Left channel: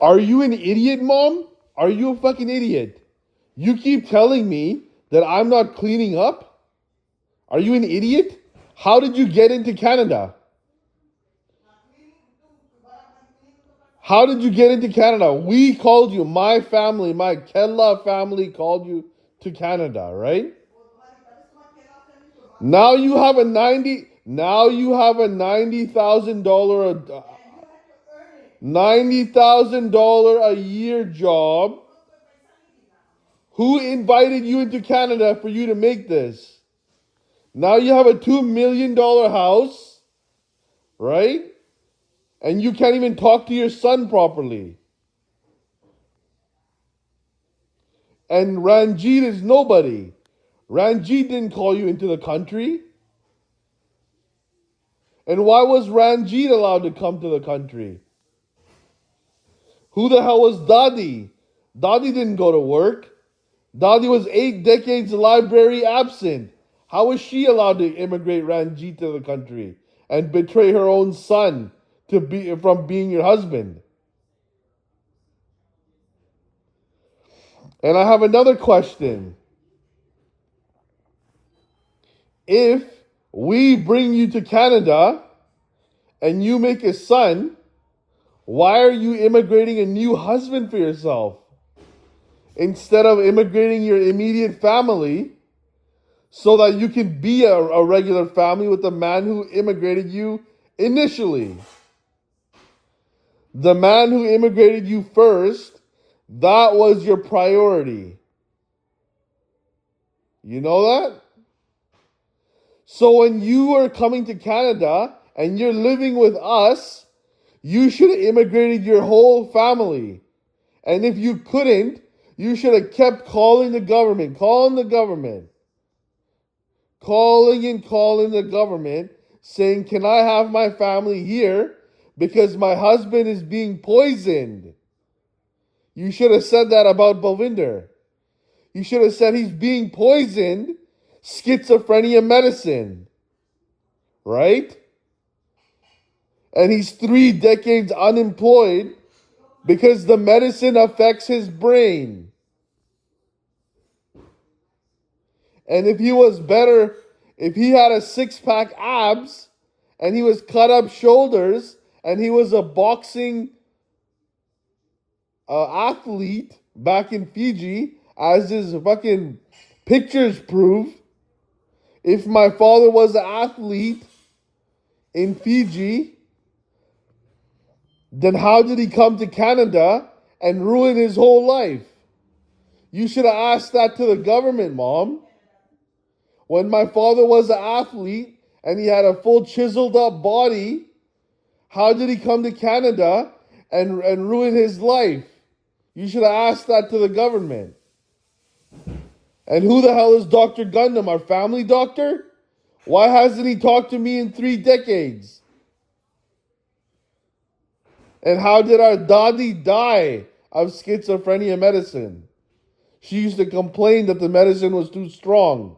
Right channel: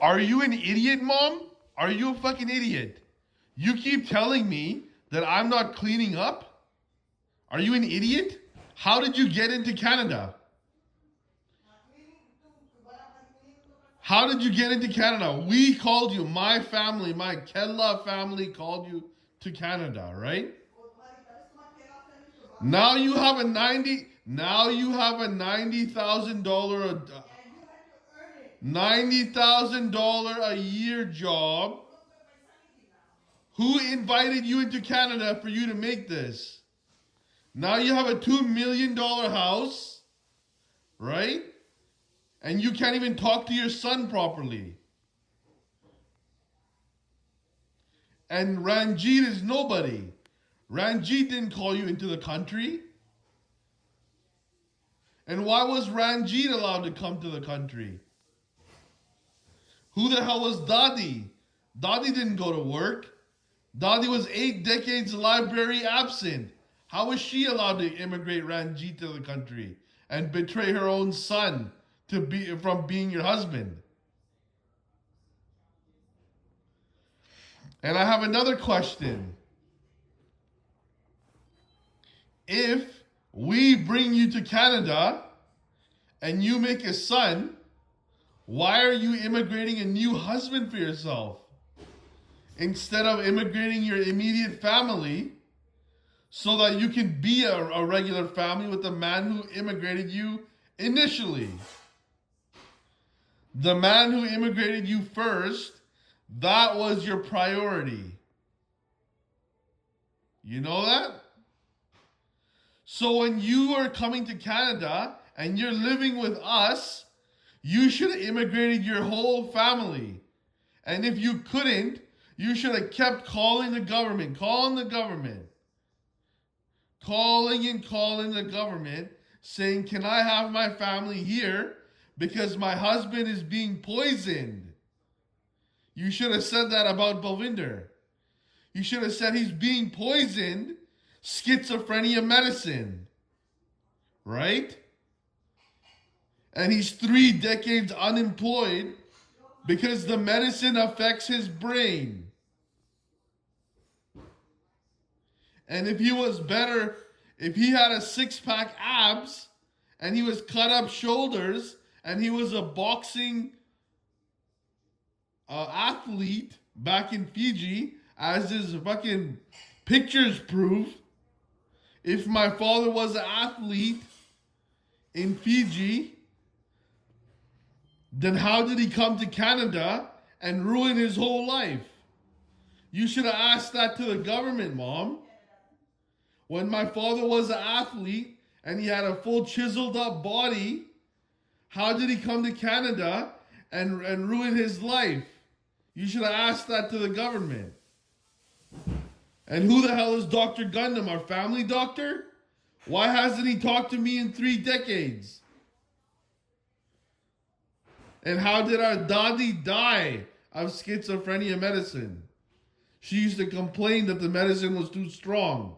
Are you an idiot, Mom? Are you a fucking idiot? You keep telling me that I'm not cleaning up? Are you an idiot? How did you get into Canada? How did you get into Canada? We called you, my family, my Kella family called you to Canada, right? Now you have a $90,000 a year job. Who invited you into Canada for you to make this? Now you have a $2 million house, right? And you can't even talk to your son properly. And Ranjit is nobody. Ranjit didn't call you into the country. And why was Ranjit allowed to come to the country? Who the hell was Dadi? Dadi didn't go to work. Dadi was 8 decades library absent. How was she allowed to immigrate Ranjit to the country and betray her own son from being your husband? And I have another question. If we bring you to Canada and you make a son, why are you immigrating a new husband for yourself instead of immigrating your immediate family so that you can be a regular family with the man who immigrated you initially? The man who immigrated you first, that was your priority. You know that? So when you are coming to Canada and you're living with us, you should have immigrated your whole family. And if you couldn't, you should have kept calling the government, calling the government, saying, can I have my family here because my husband is being poisoned? You should have said that about Balvinder. You should have said he's being poisoned, schizophrenia medicine, right? And he's 3 decades unemployed because the medicine affects his brain. And if he was better, if he had a 6-pack abs and he was cut up shoulders and he was a boxing athlete back in Fiji, as his fucking pictures prove, if my father was an athlete in Fiji, then how did he come to Canada and ruin his whole life? You should have asked that to the government, Mom. When my father was an athlete and he had a full chiseled up body, how did he come to Canada and ruin his life? You should have asked that to the government. And who the hell is Dr. Gundam, our family doctor? Why hasn't he talked to me in 3 decades? And how did our Dadi die of schizophrenia medicine? She used to complain that the medicine was too strong.